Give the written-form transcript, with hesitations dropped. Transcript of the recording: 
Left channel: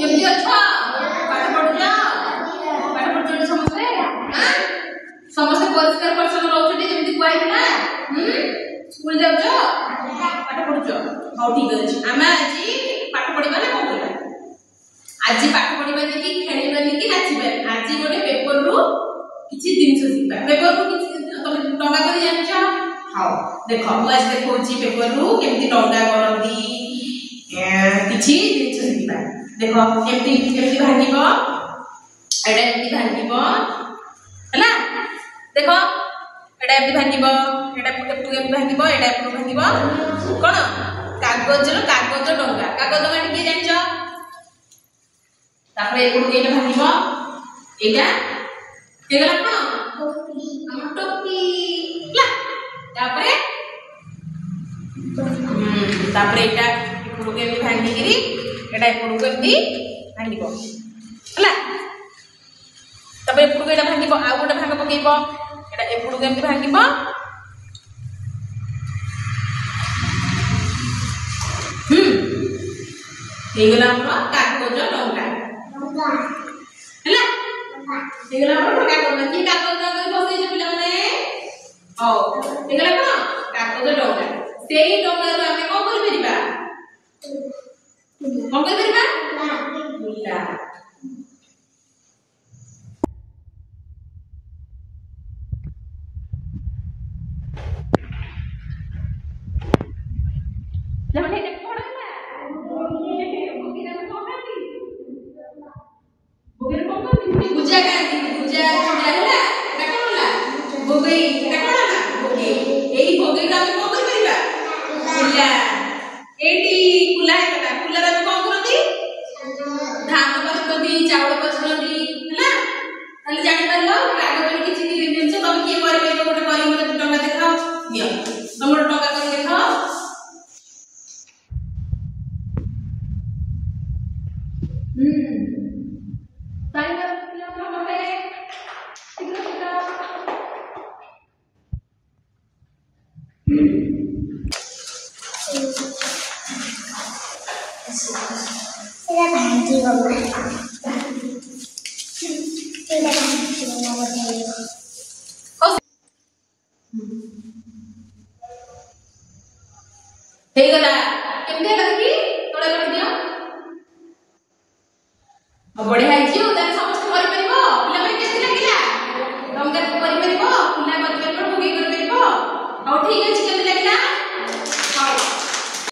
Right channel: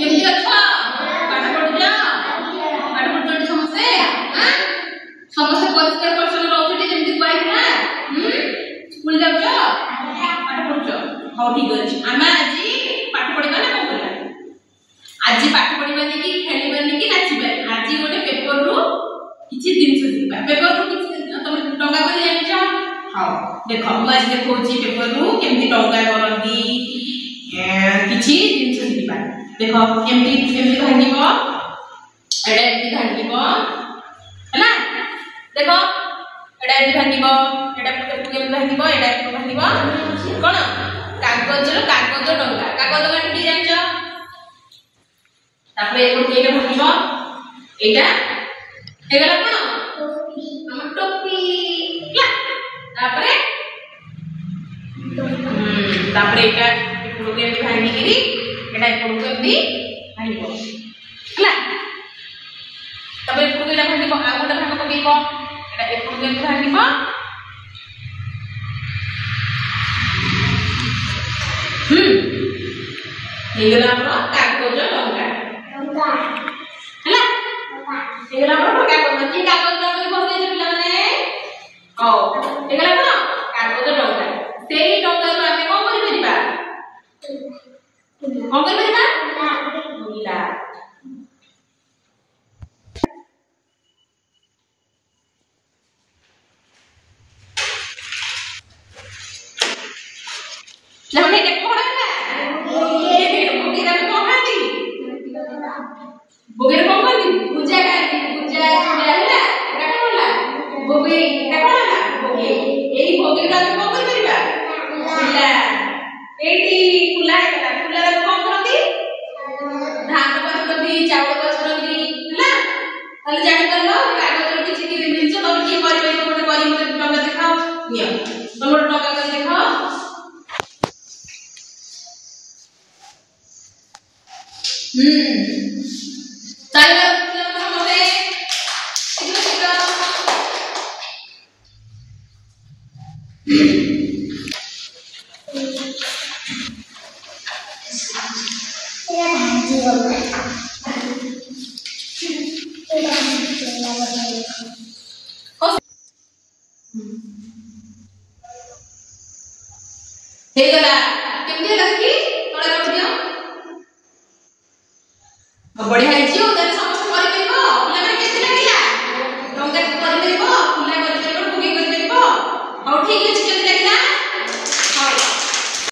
केमती अच्छा पाठ पढ़ुछ पाठ पढ़ुछ समस्ते हां समस्ते परिष्कार परिच्छन्न रहउछटी जेमती कहैला स्कूल जाउछ पाठ पढ़ुछ हाउ ठीक अछि आमे आज पाठ पढ़िबा ना कोन कला आज पाठ पढ़िबा कि खेलिबा कि नाचिबा आज गोटे पेपर रु किछि दिन सिखबा पेपर रु किछि तुम टंगा को जानिछ हां देखो मु आज देखौची पेपर रु केमती टंगा करंदी किछि दिन सिखबा देखो केमती केमती भांगिबो एडा केमती भांगिबो हला देखो एडा केमती भांगिबो एडा केमती भांगिबो एडा केमती भांगिबो कोन कागज टंगा कागज गानी कि जानिछ तापर एकोर केटा भांगिबो एटा हेगला कोन हम टोपी ला तापर एटा एकोर के भांगी गिरी एटा एकोर केमती भांगिबो हला तापर एकोर केटा भांगिबो आ गोटा भांग पकेइबो एटा एकोर केमती भांगिबो हेगला हमर कागज टंगा हला हेगला हमर कागज कि कागज टंगा बसै जे पिला माने ओ हेगला कोन कागज टंगा सेही टंगा रो आमे कोन करि परिबा कोन करि परिबा बुला हमने के कोन बोगेर कोन करती पूजा करती पूजा होला काटा होला बोगे एटा कोन होला बोगे एई बोगे रा कोन कर परिबा कुला एटी कुला केटा कुला रा कोन करती धान करती चावल करती होला ताले जानि करलो कागज रो किछि कि जिनिस तब की करबे को गोटे करी मते टंगा देखा नियो तमरो टंगा कर देखा ताले हमते शीघ्र शीघ्र एला भाजी होगा हे गला केमते लगी तोळे रख दियो बढ़िया हिजियो ताले समस्त करि परिबो पिला माने केते लागिला टंगा करि परिबो पुला करि परिबो भोगे करि परिबो और ठीक अछि केते लागिला